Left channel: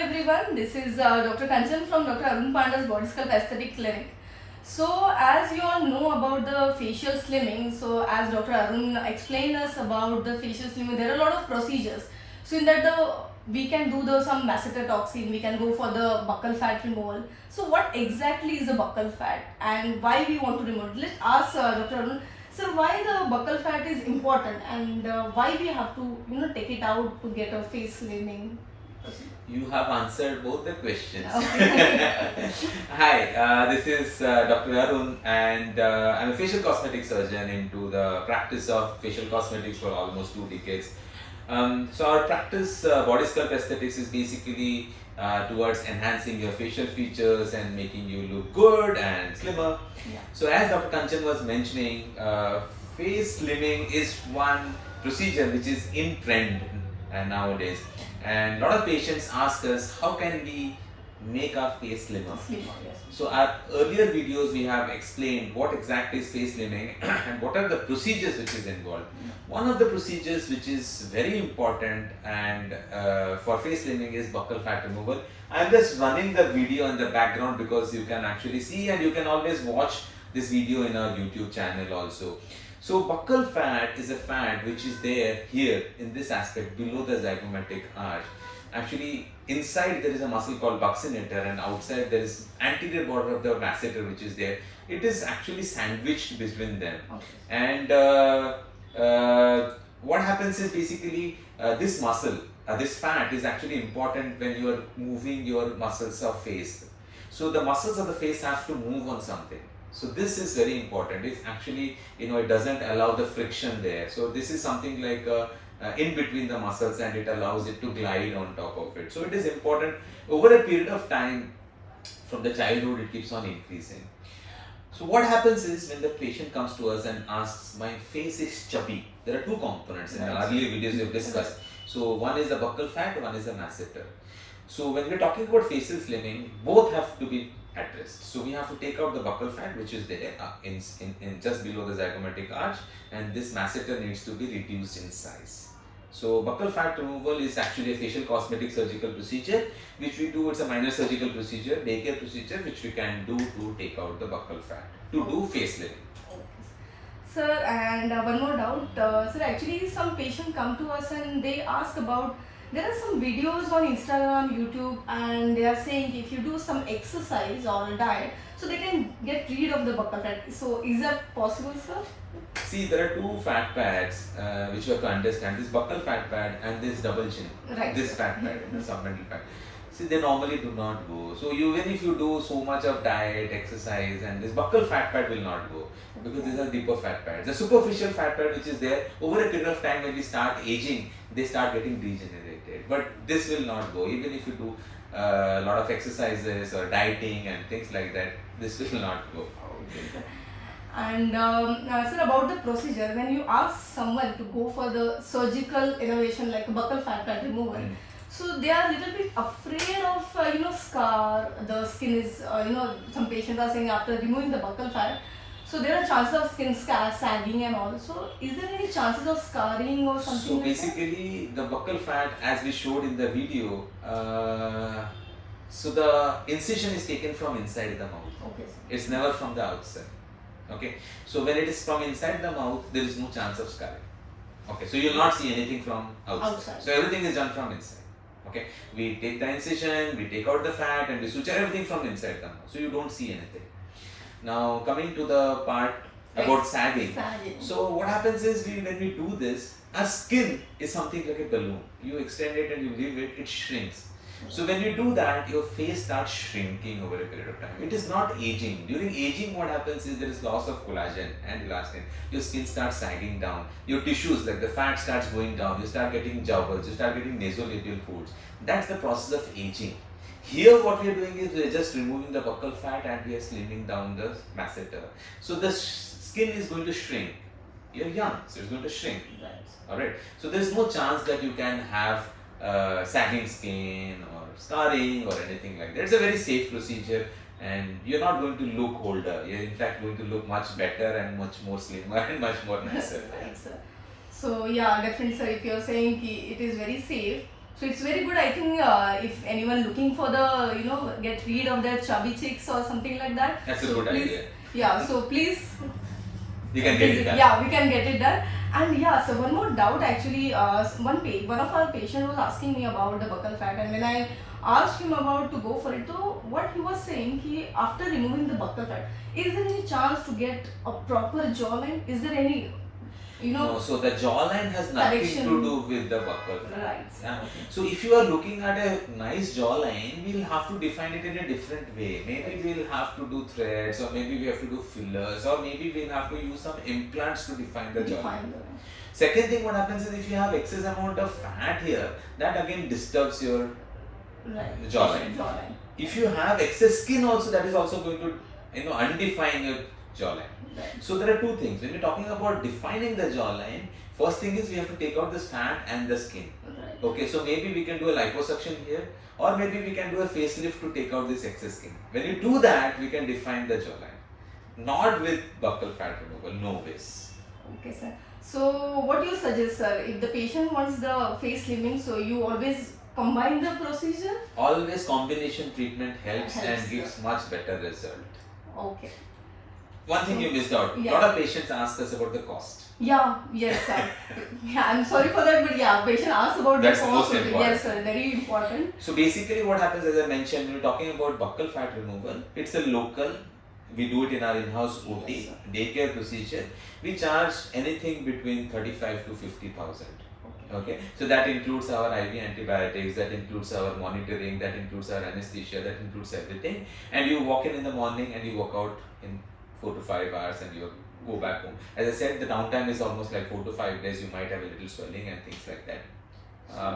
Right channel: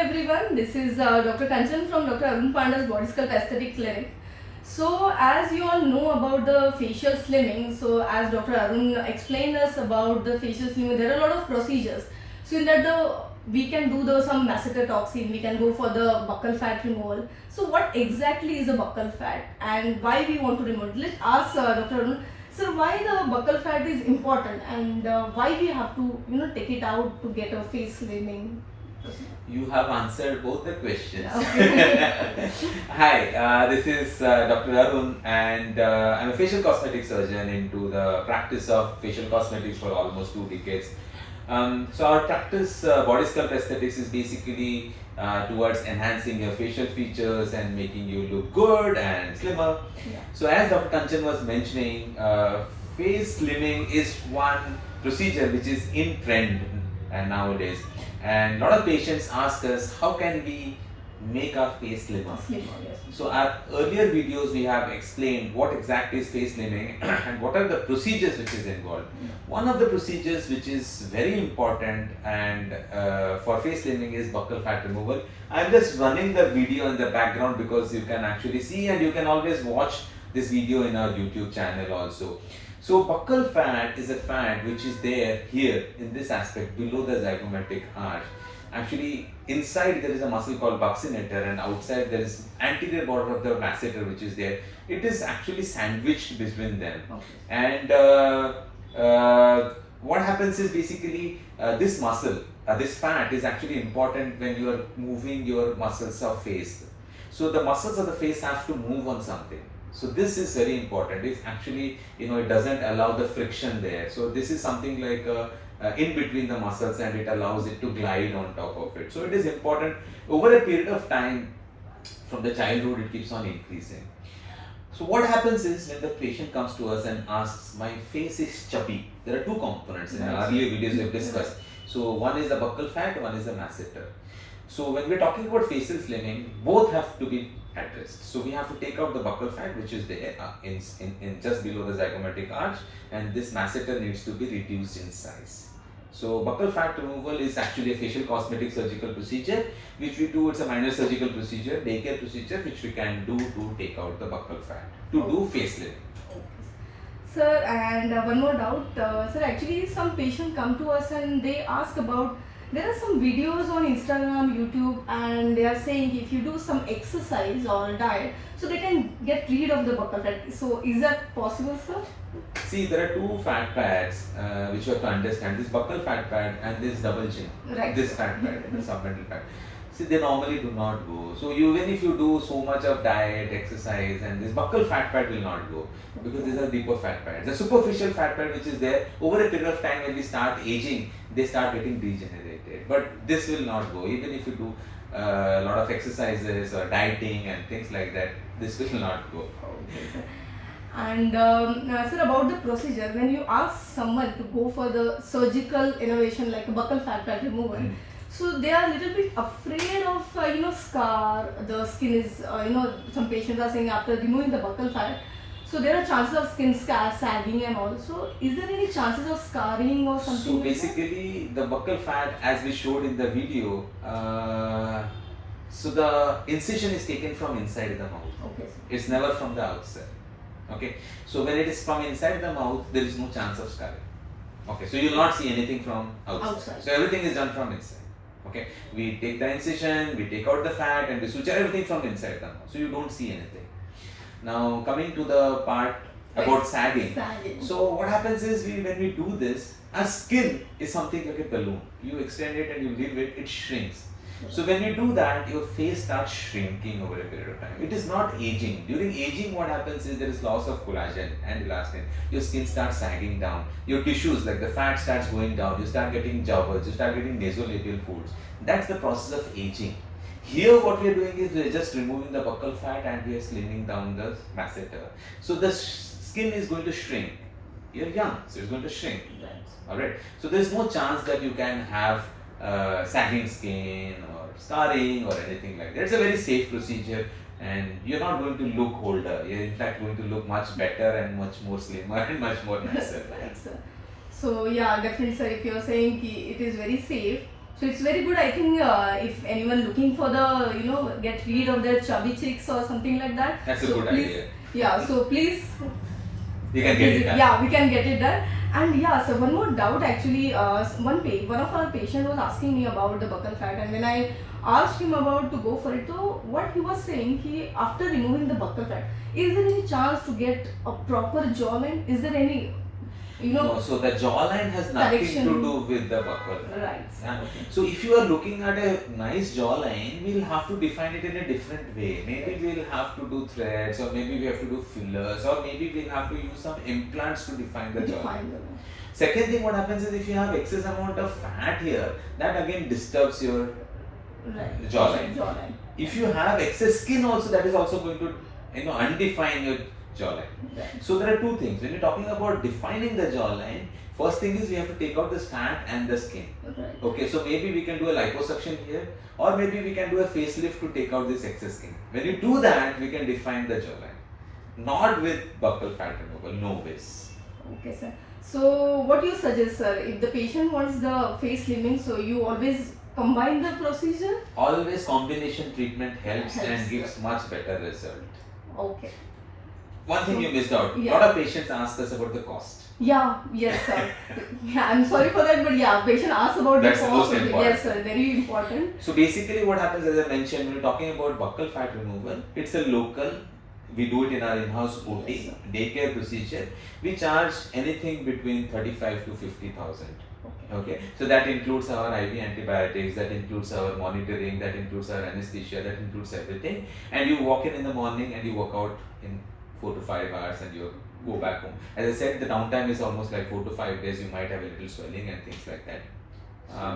everyone, this is Dr. Kanchan from Dr. Arun Panda's Body Sculpt Aesthetic Clinic. So as you all know about the facial slimming, so as Dr. Arun explained us about the facial slimming, there are a lot of procedures. So in that we can do some masseter toxin, we can go for the buccal fat removal. So what exactly is the buccal fat and why we want to remove it? Let's ask Dr. Arun, sir, why the buccal fat is important and why we have to take it out to get a face slimming? You have answered both the questions. Okay. Hi, this is Dr. Arun, and I'm a facial cosmetic surgeon into the practice of facial cosmetics for almost 2 decades. So our practice, body sculpt aesthetics, is basically towards enhancing your facial features and making you look good and slimmer. Yeah. So as Dr. Kanchan was mentioning, face slimming is one procedure which is in trend nowadays. And a lot of patients ask us, how can we make our face slimmer? Slimmer, yes. So our earlier videos we have explained what exactly is face slimming and what are the procedures which is involved. One of the procedures which is very important and for face slimming is buccal fat removal. I'm just running the video in the background because you can actually see, and you can always watch this video in our YouTube channel also. So buccal fat is a fat which is there here in this aspect below the zygomatic arch. Actually, inside there is a muscle called buccinator, and outside there is anterior border of the masseter which is there. It is actually sandwiched between them. Okay. And what happens is basically this muscle, this fat is actually important when you are moving your muscles of face. So the muscles of the face have to move on something. So this is very important. It's actually, it doesn't allow the friction there. So this is something like in between the muscles, and it allows it to glide on top of it. So it is important over a period of time. From the childhood, it keeps on increasing. So what happens is when the patient comes to us and asks, my face is chubby. There are 2 components in our earlier videos we have discussed. So one is the buccal fat, one is the masseter. So when we're talking about facial slimming, both have to be addressed. So we have to take out the buccal fat which is there in just below the zygomatic arch, and this masseter needs to be reduced in size. So buccal fat removal is actually a facial cosmetic surgical procedure which we do. It's a minor surgical procedure, daycare procedure, which we can do to take out the buccal fat, to do face slimming. Sir, and one more doubt. Sir, actually some patients come to us and they ask about, there are some videos on Instagram, YouTube, and they are saying if you do some exercise or diet, so they can get rid of the buccal fat. So is that possible, sir? See, there are 2 fat pads which you have to understand. This buccal fat pad and this double chin. Right. This fat pad, the submental fat. See, they normally do not go. So even if you do so much of diet, exercise, and this buccal fat pad will not go, because these are deeper fat pads. The superficial fat pad which is there, over a period of time when we start aging, they start getting degenerated. But this will not go. Even if you do a lot of exercises or dieting and things like that, this will not go. Okay, sir. And sir, about the procedure, when you ask someone to go for the surgical innovation like buccal fat pad removal, so they are a little bit afraid of scar. The skin is some patients are saying after removing the buccal fat, so there are chances of skin scar, sagging and all. So is there any chances of scarring or something? So like basically the buccal fat, as we showed in the video, so the incision is taken from inside the mouth. Okay, sir. It's never from the outside. Okay, so when it is from inside the mouth, there is no chance of scarring. Okay, so you will not see anything from outside. So everything is done from inside. Okay, we take the incision, we take out the fat, and we suture everything from inside the mouth. So you don't see anything. Now coming to the part about sagging. So what happens is when we do this, our skin is something like a balloon. You extend it and you leave it, it shrinks. So when you do that, your face starts shrinking over a period of time. It is not aging. During aging, what happens is there is loss of collagen and elastin. Your skin starts sagging down. Your tissues, like the fat, starts going down. You start getting jowls. You start getting nasolabial folds. That's the process of aging. Here what we are doing is we are just removing the buccal fat and we are slimming down the masseter. So the skin is going to shrink. You're young, so it's going to shrink. Alright. So there is no chance that you can have sagging skin or scarring or anything like that. It's a very safe procedure, and you're not going to look older. You're in fact going to look much better and much more slimmer and much more nicer. Right, sir. So yeah, definitely, sir. If you're saying it is very safe, So it's very good. I think if anyone looking for the get rid of their chubby cheeks or something like that. That's a so good please, idea. Yeah. So please. You can get it done. Yeah, we can get it done. And yeah, so one more doubt actually. One of our patient was asking me about the buccal fat, and when I asked him about to go for it, so what he was saying, he after removing the buccal fat, is there any chance to get a proper jawline? Is there any No, so the jawline has nothing correction to do with the buccal fat. Right. Yeah. Okay. So if you are looking at a nice jawline, we'll have to define it in a different way. Maybe we'll have to do threads, or maybe we have to do fillers, or maybe we'll have to use some implants to define the jawline. Second thing, what happens is if you have excess amount of fat here, that again disturbs your jawline. If you have excess skin also, that is also going to undefine your jawline. Right. So there are two things. When you're talking about defining the jawline, first thing is we have to take out this fat and the skin. Right. Okay, so maybe we can do a liposuction here, or maybe we can do a facelift to take out this excess skin. When you do that, we can define the jawline. Not with buccal fat removal, no ways. Okay, sir. So what you suggest, sir? If the patient wants the face slimming, so you always combine the procedure? Always combination treatment helps and gives much better result. Okay. One thing you missed out. Yeah. A lot of patients ask us about the cost. Yeah, yes, sir. Yeah, I'm sorry for that, but yeah, patient asks about That's the the cost. most important. Yes, sir, very important. So basically what happens, as I mentioned, when you're talking about buccal fat removal, it's a local, we do it in our in-house OT, Yes, daycare procedure. We charge anything between 35 to 50,000. Okay, so that includes our IV antibiotics, that includes our monitoring, that includes our anesthesia, that includes everything. And you walk in the morning and you walk out in 4 to 5 hours and you go back home. As I said, the downtime is almost like 4 to 5 days. You might have a little swelling and things like that.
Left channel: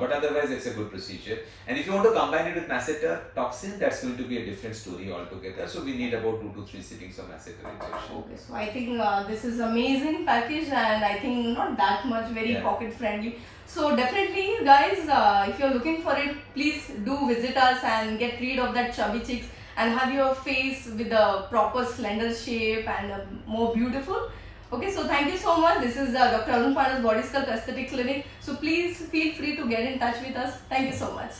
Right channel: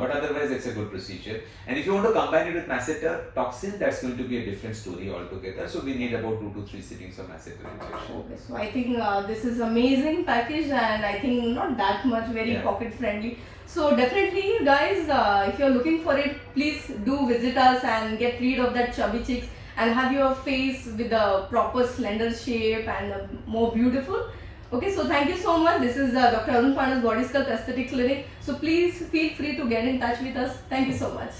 But otherwise, it's a good procedure. And if you want to combine it with masseter toxin, that's going to be a different story altogether. So we need about 2 to 3 sittings of masseter injection. Okay, so I think this is amazing package, and I think not that much very pocket friendly. So definitely, guys, if you're looking for it, please do visit us and get rid of that chubby cheeks and have your face with a proper slender shape and more beautiful. Okay, so thank you so much. This is Dr. Arun Panda's Body Sculpt Aesthetic Clinic. So please feel free to get in touch with us. Thank you so much.